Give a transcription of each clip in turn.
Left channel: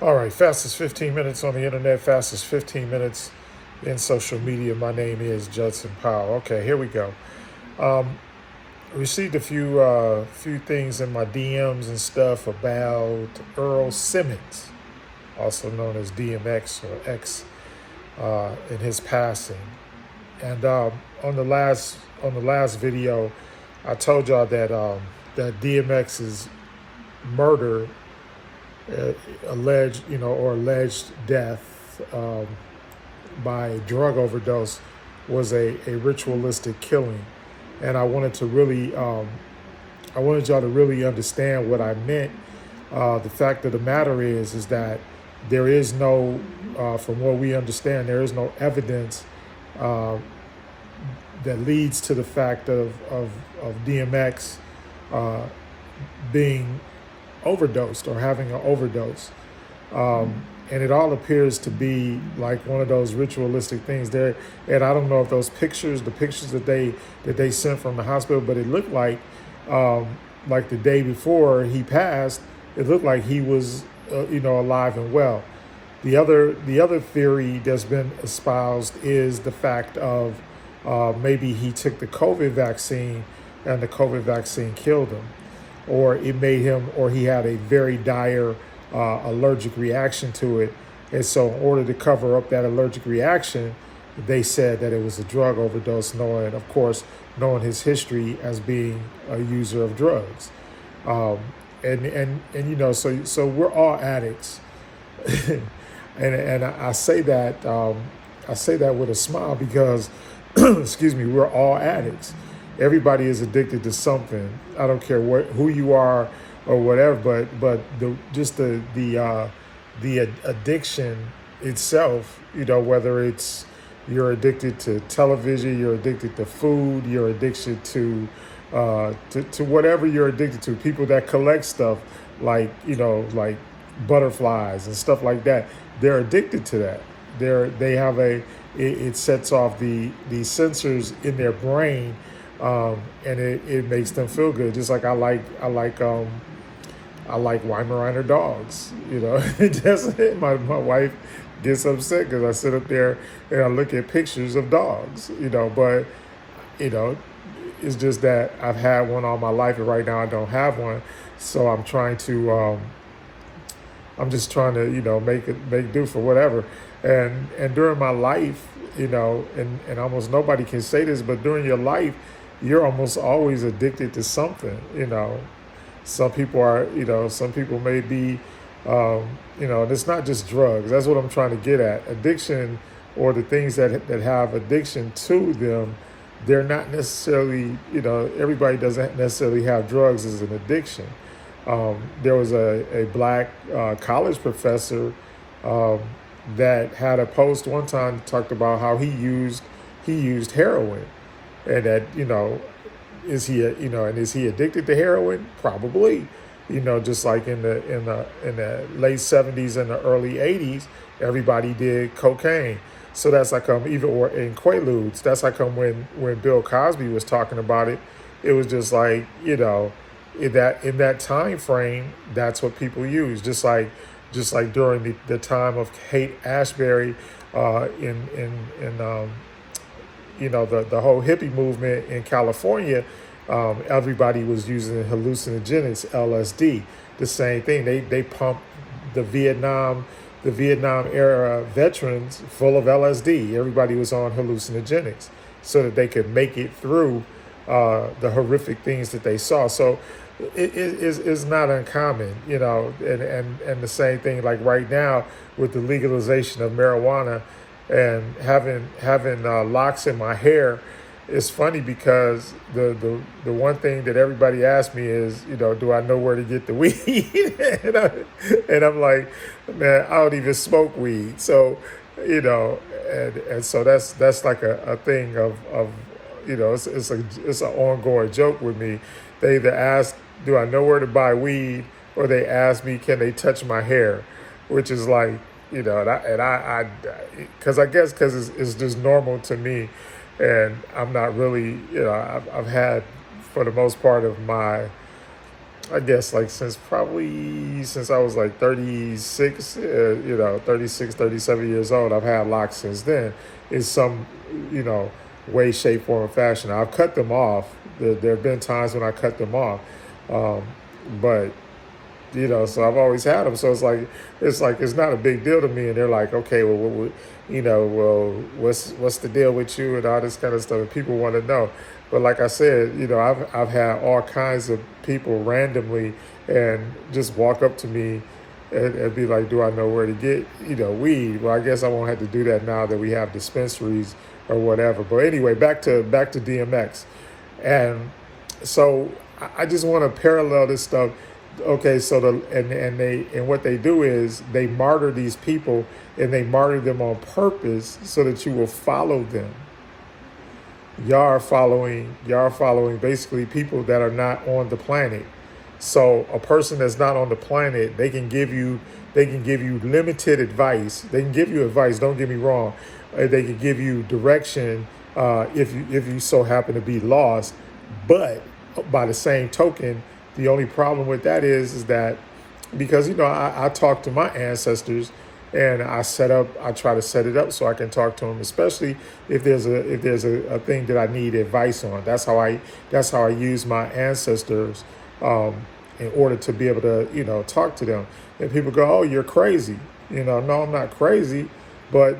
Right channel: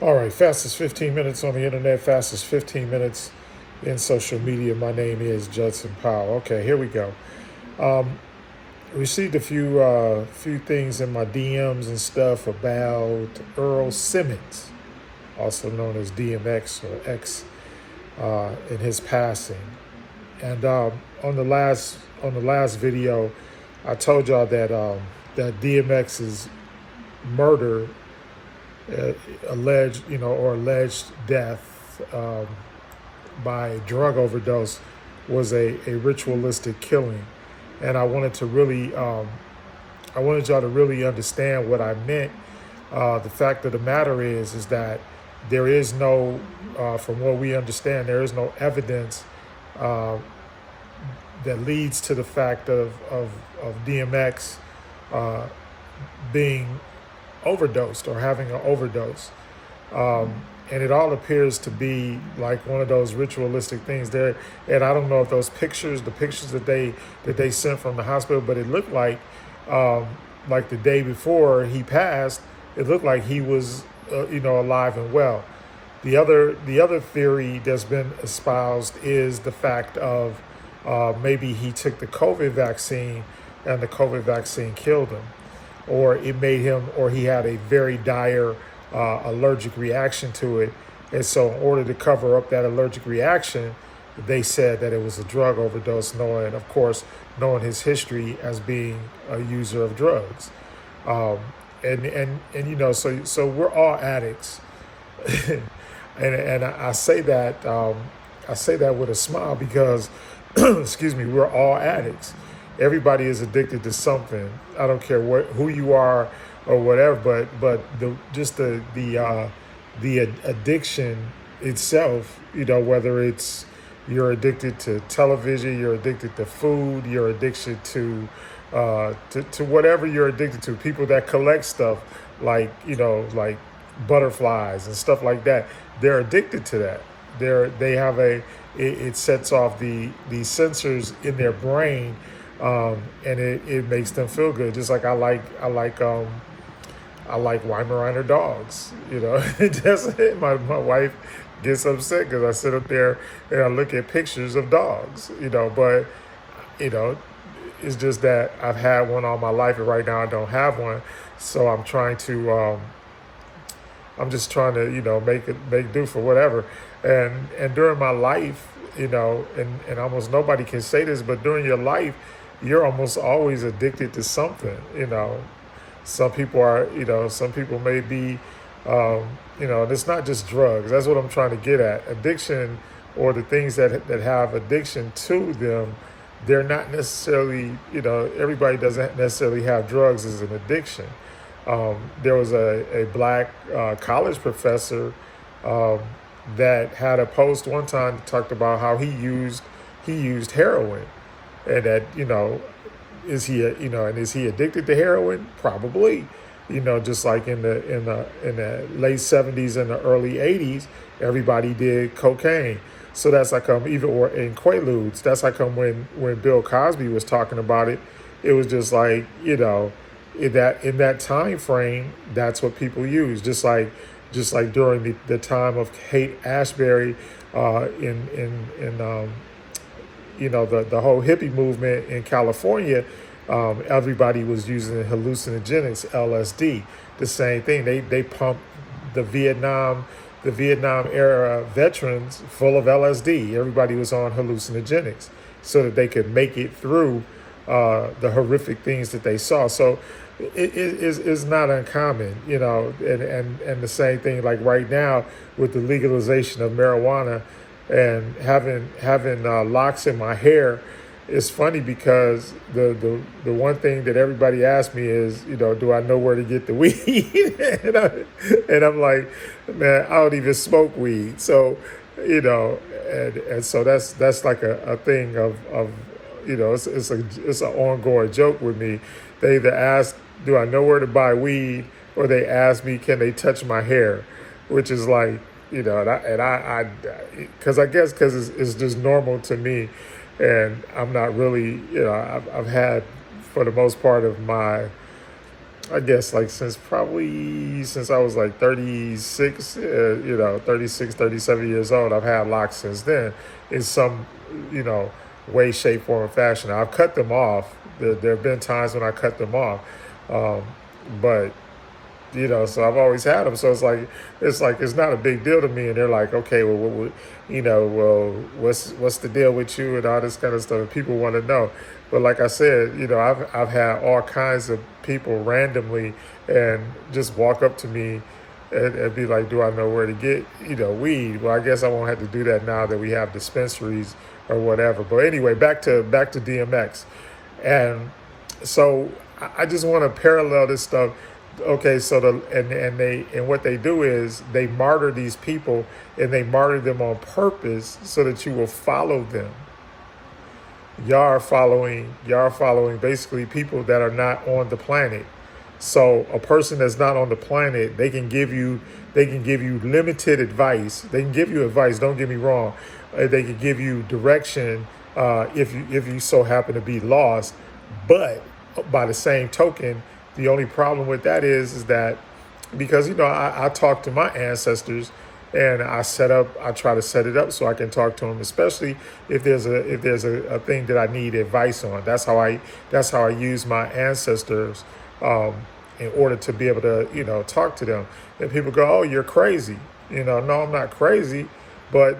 All right, fastest 15 minutes on the internet, fastest 15 minutes in social media. My name is Judson Powell. Okay, here we go. Received a few things in my DMs and stuff about Earl Simmons, also known as DMX or X, in his passing. And on the last video, I told y'all that DMX's murder, alleged death by drug overdose was a ritualistic killing, and I wanted y'all to really understand what I meant. The fact of the matter is that there is no, from what we understand, there is no evidence uh, that leads to the fact of DMX uh, being overdosed or having an overdose. And it all appears to be like one of those ritualistic things there. And I don't know if the pictures that they sent from the hospital, but it looked like the day before he passed, it looked like he was, alive and well. The other theory that's been espoused is the fact of maybe he took the COVID vaccine and the COVID vaccine killed him, or it made him, or he had a very dire allergic reaction to it. And so, in order to cover up that allergic reaction, they said that it was a drug overdose, knowing his history as being a user of drugs. So we're all addicts, and I say that with a smile because, excuse me, we're all addicts. Everybody is addicted to something. I don't care who you are or whatever, but the addiction itself, whether it's you're addicted to television, you're addicted to food, you're addicted to whatever you're addicted to. People that collect stuff like butterflies and stuff like that, they're addicted to that. It sets off the sensors in their brain, and it makes them feel good. Just like I like Weimaraner dogs. Just my wife gets upset because I sit up there and I look at pictures of dogs. But it's just that I've had one all my life, and right now I don't have one. So I'm just trying to make do for whatever. And during my life, and almost nobody can say this, but during your life, you're almost always addicted to something. Some people may be, it's not just drugs. That's what I'm trying to get at. Addiction, or the things that have addiction to them, they're not necessarily, everybody doesn't necessarily have drugs as an addiction. There was a black college professor that had a post one time that talked about how he used heroin, and that is he addicted to heroin? Probably. Just like in the late '70s and the early '80s, everybody did cocaine. So that's like even or in Quaaludes. That's like when Bill Cosby was talking about it. It was just like in that time frame, that's what people use. Just like during the time of Haight Ashbury, the whole hippie movement in California, everybody was using hallucinogenics, LSD. The same thing. They pumped the Vietnam era veterans full of LSD. Everybody was on hallucinogenics so that they could make it through the horrific things that they saw. So it's not uncommon, and the same thing like right now with the legalization of marijuana and having locks in my hair. It's funny because the one thing that everybody asks me is, do I know where to get the weed? and I'm like, man, I don't even smoke weed. So, and so that's like a thing of it's an ongoing joke with me. They either ask, do I know where to buy weed, or they ask me, can they touch my hair, which is like, because I guess because it's just normal to me. And I'm not really, I've had, for the most part of my I guess like since I was like 36, 36, 37 years old, I've had locks since then in some, way, shape, form, or fashion. I've cut them off. There have been times when I cut them off. But so I've always had them. So it's not a big deal to me. And they're like, okay, what's the deal with you and all this kind of stuff. And people want to know. But like I said, I've had all kinds of people randomly and just walk up to me and be like, do I know where to get, weed? Well, I guess I won't have to do that now that we have dispensaries or whatever. But anyway, back to DMX. And so I just want to parallel this stuff. Okay, so what they do is they martyr these people, and they martyr them on purpose so that you will follow them. Y'all are following basically people that are not on the planet. So a person that's not on the planet, they can give you limited advice. They can give you advice. Don't get me wrong. They can give you direction if you so happen to be lost. But by the same token, the only problem with that is that because I talk to my ancestors and I try to set it up so I can talk to them, especially if there's a thing that I need advice on. That's how I use my ancestors in order to be able to talk to them. And people go, "Oh, you're crazy." No, I'm not crazy, but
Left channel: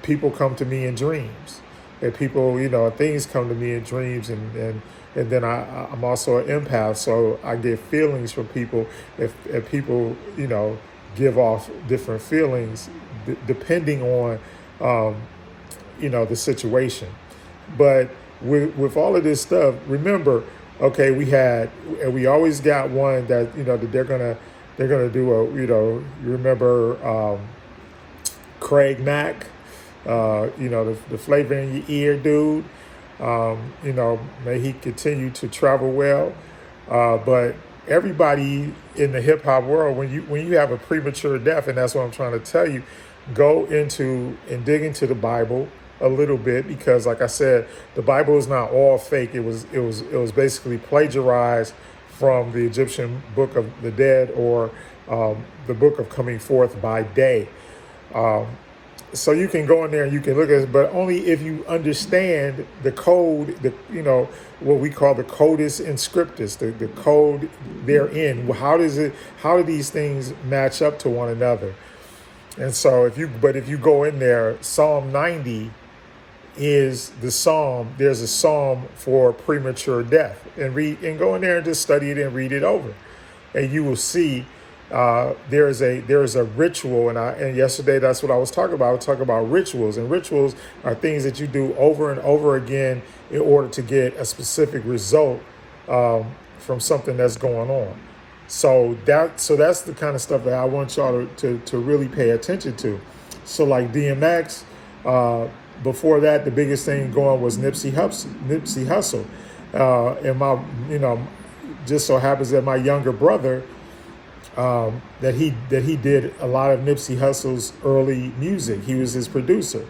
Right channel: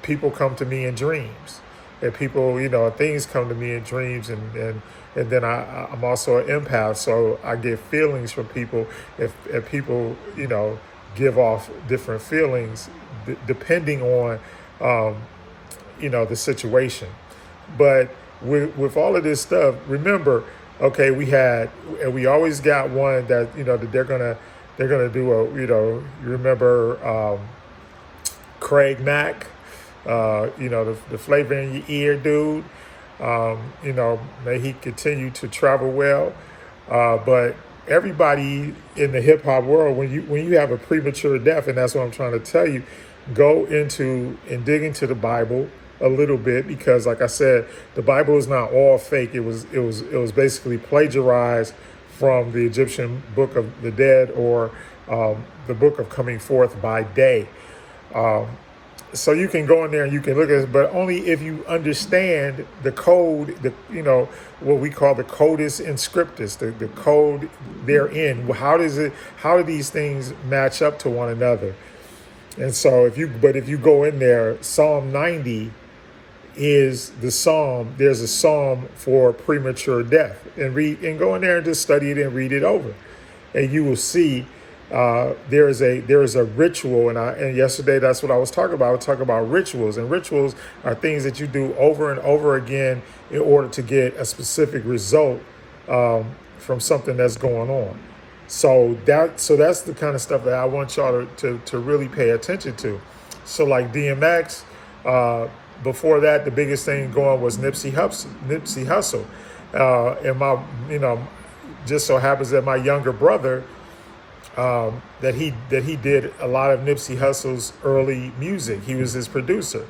people come to me in dreams, and people things come to me in dreams, and then I'm also an empath, so I get feelings from people. If people give off different feelings depending on the situation. But with all of this stuff, remember, okay, we always got one that that they're gonna do you remember Craig Mack, the flavor in your ear dude. May he continue to travel well. But everybody in the hip hop world, when you have a premature death, and that's what I'm trying to tell you, go into and dig into the Bible a little bit, because like I said, the Bible is not all fake. It was basically plagiarized from the Egyptian Book of the Dead, or the Book of Coming Forth by Day. So you can go in there and you can look at it, but only if you understand the code, what we call the codus inscriptus, the code therein. How do these things match up to one another? And so if you go in there, Psalm 90 is the psalm. There's a psalm for premature death, and go in there and just study it and read it over, and you will see. There is a ritual, and yesterday that's what I was talking about. I was talking about rituals, and rituals are things that you do over and over again in order to get a specific result from something that's going on. So that's the kind of stuff that I want y'all to really pay attention to. So like DMX, before that, the biggest thing going was Nipsey Hussle, and just so happens that my younger brother. That he did a lot of Nipsey Hussle's early music. He was his producer.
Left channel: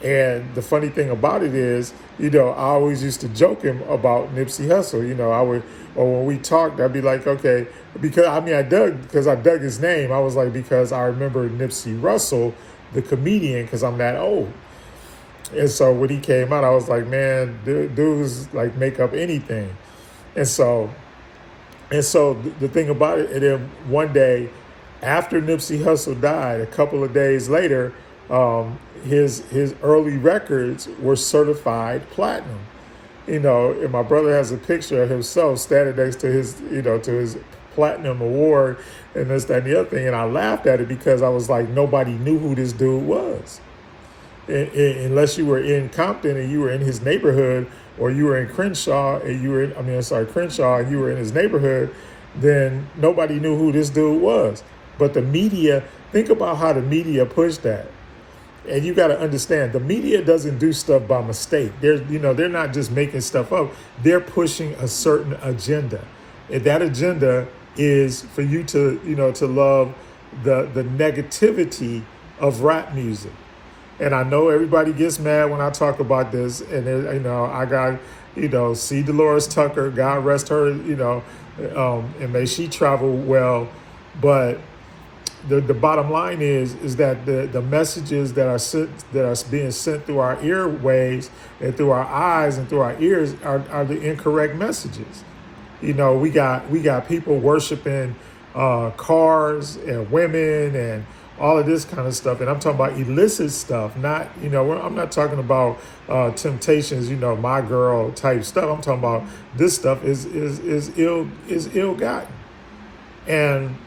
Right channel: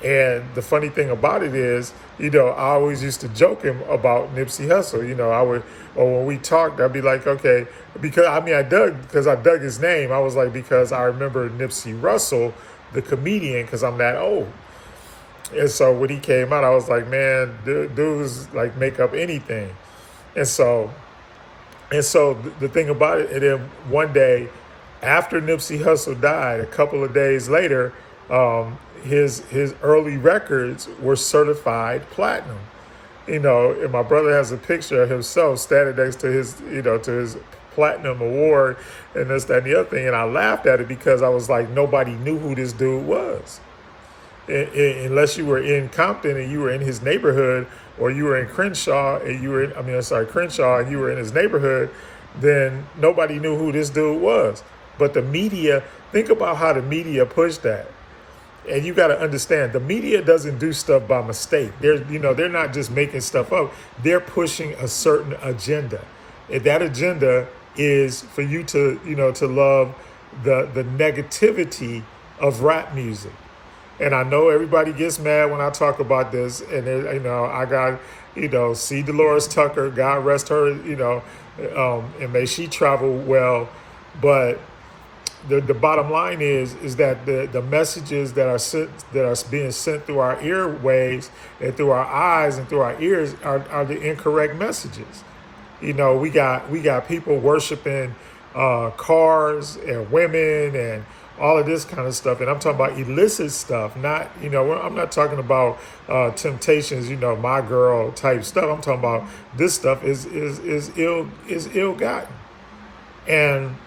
And the funny thing about it is, I always used to joke him about Nipsey Hussle. When we talked, I'd be like, okay, because I dug his name. I was like, because I remember Nipsey Russell, the comedian, because I'm that old. And so when he came out, I was like, man, dudes like make up anything. And so the thing about it, and then one day after Nipsey Hussle died, a couple of days later, his early records were certified platinum. And my brother has a picture of himself standing next to his platinum award and this, that, and the other thing. And I laughed at it because I was like, nobody knew who this dude was. Unless you were in Compton and you were in his neighborhood, or you were in Crenshaw and you were in his neighborhood, then nobody knew who this dude was. But the media, think about how the media pushed that. And you got to understand, the media doesn't do stuff by mistake. They're not just making stuff up. They're pushing a certain agenda. And that agenda is for you to love the negativity of rap music. And I know everybody gets mad when I talk about this, and I got see Dolores Tucker, God rest her, and may she travel well. But the bottom line is that the messages that are being sent through our earwaves and through our eyes and through our ears are the incorrect messages. We got people worshiping cars and women and all of this kind of stuff, and I'm talking about illicit stuff. Not, I'm not talking about temptations, my girl type stuff. I'm talking about this stuff is ill gotten, and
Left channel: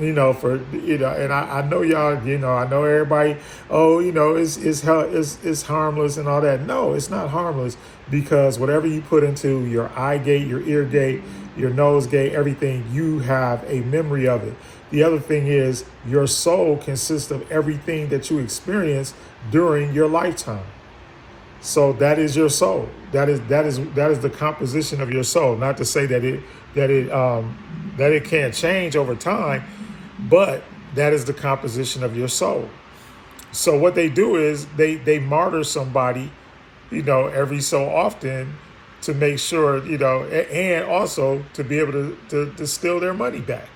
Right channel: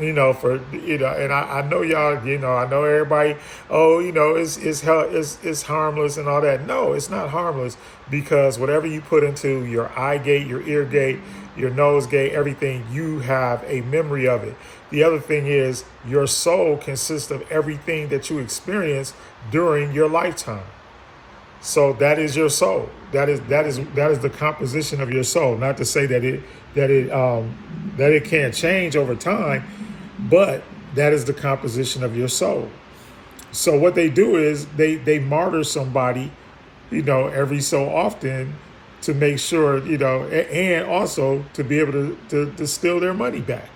and I know y'all, I know everybody. Oh, it's harmless and all that. No, it's not harmless, because whatever you put into your eye gate, your ear gate, your nose gate, everything, you have a memory of it. The other thing is, your soul consists of everything that you experience during your lifetime. So that is your soul. That is the composition of your soul. Not to say that it can't change over time, but that is the composition of your soul. So what they do is they martyr somebody, every so often, to make sure, and also to be able to steal their money back.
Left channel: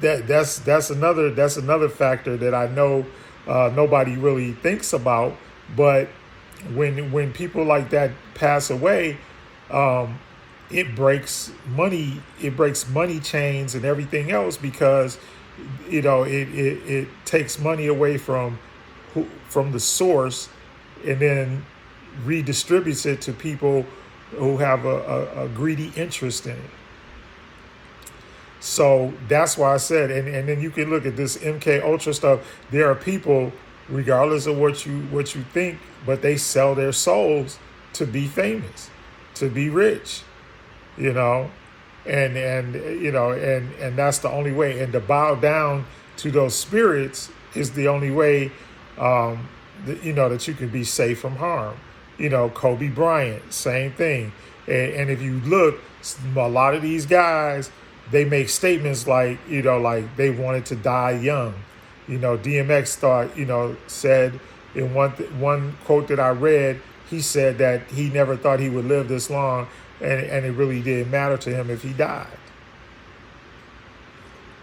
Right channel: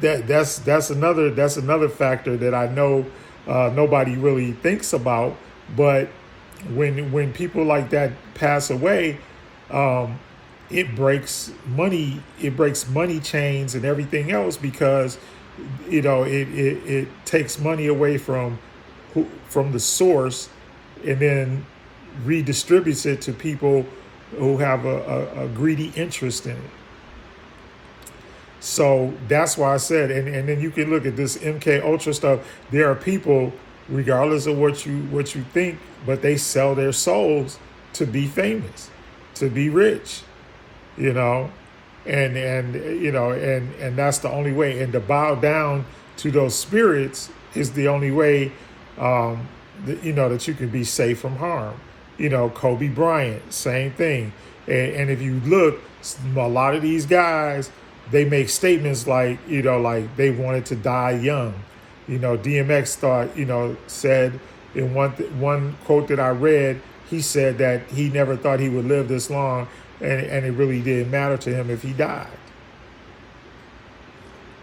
That's another factor that I know nobody really thinks about. But when people like that pass away, it breaks money chains and everything else, because it takes money away from the source and then redistributes it to people who have a greedy interest in it. So that's why I said, and then you can look at this MK Ultra stuff. There are people, regardless of what you think, but they sell their souls to be famous, to be rich, and that's the only way. And to bow down to those spirits is the only way, that you can be safe from harm. Kobe Bryant, same thing. And if you look, a lot of these guys, they make statements like they wanted to die young. DMX said in one quote that I read, he said that he never thought he would live this long, and it really didn't matter to him if he died.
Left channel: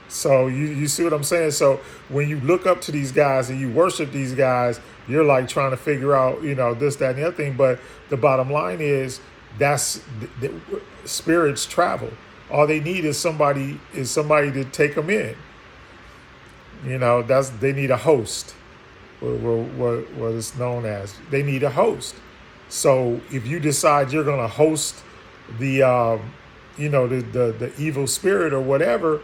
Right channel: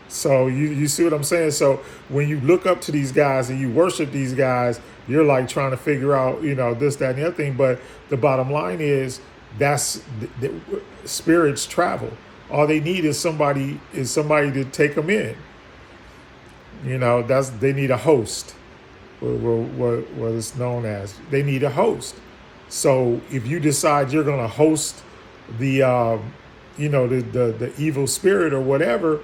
So you see what I'm saying? So when you look up to these guys and you worship these guys, you're like trying to figure out, this, that, and the other thing. But the bottom line is spirits travel. All they need is somebody to take them in. They need a host. What it's known as. They need a host. So if you decide you're going to host the evil spirit or whatever,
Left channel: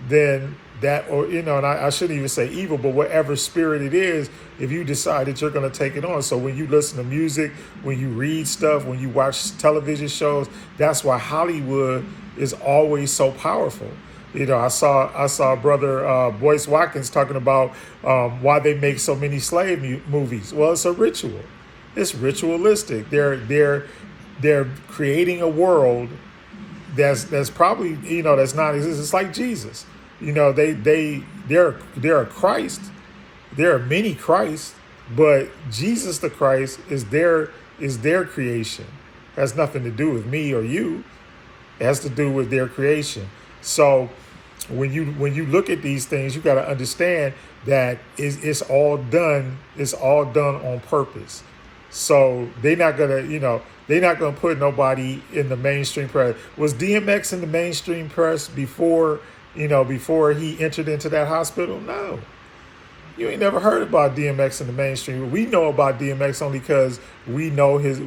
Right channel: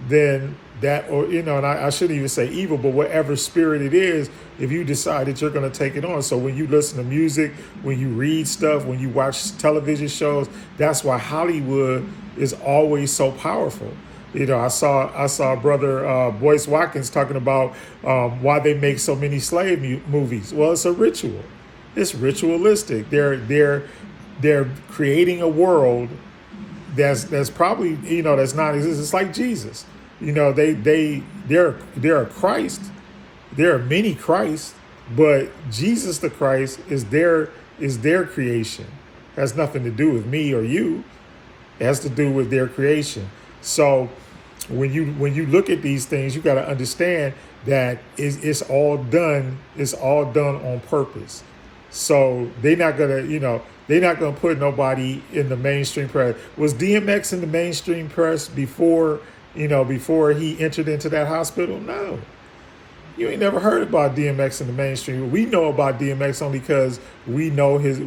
then that, and I shouldn't even say evil, but whatever spirit it is, if you decide that you're going to take it on. So when you listen to music, when you read stuff, when you watch television shows, that's why Hollywood is always so powerful. I saw brother Boyce Watkins talking about why they make so many slave movies. Well, it's a ritual. It's ritualistic. They're creating a world that's probably that's not existent. It's like Jesus. They're a Christ. There are many Christs, but Jesus the Christ is their creation. It has nothing to do with me or you. It has to do with their creation. So when you look at these things, you got to understand that it's all done on purpose. So they're not gonna put nobody in the mainstream press. Was DMX in the mainstream press before he entered into that hospital? No. You ain't never heard about DMX in the mainstream. We know about DMX only because we know his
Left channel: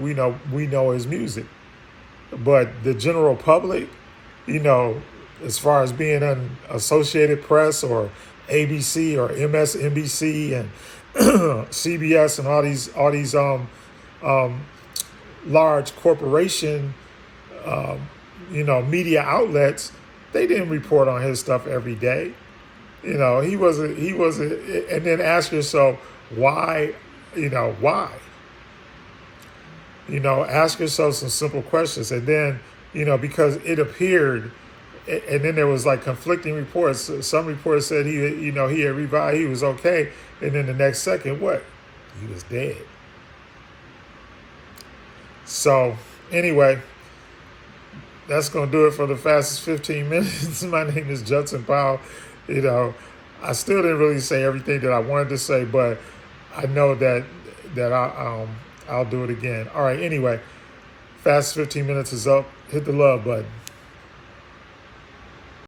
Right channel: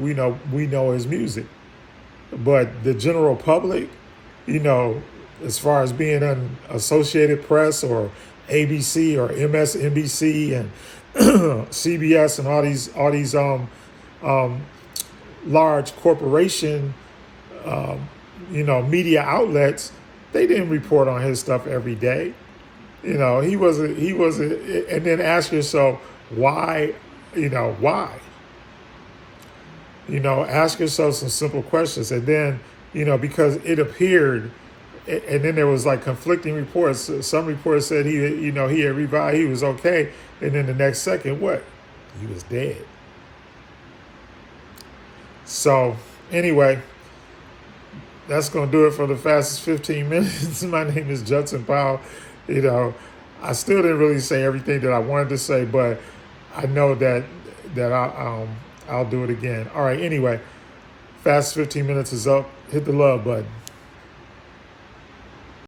music. But the general public, as far as being on Associated Press or ABC or MSNBC and CBS and all these large corporation media outlets, they didn't report on his stuff every day. He wasn't, and then ask yourself why. Ask yourself some simple questions, and then because it appeared. And then there was like conflicting reports. Some reports said he had revived, he was okay, and then the next second, what? He was dead. So Anyway, that's going to do it for the fastest 15 minutes. My name is Judson Powell. You know, I still didn't really say everything that I wanted to say, but I know I'll do it again. All right. Anyway, fastest 15 minutes is up. Hit the love button.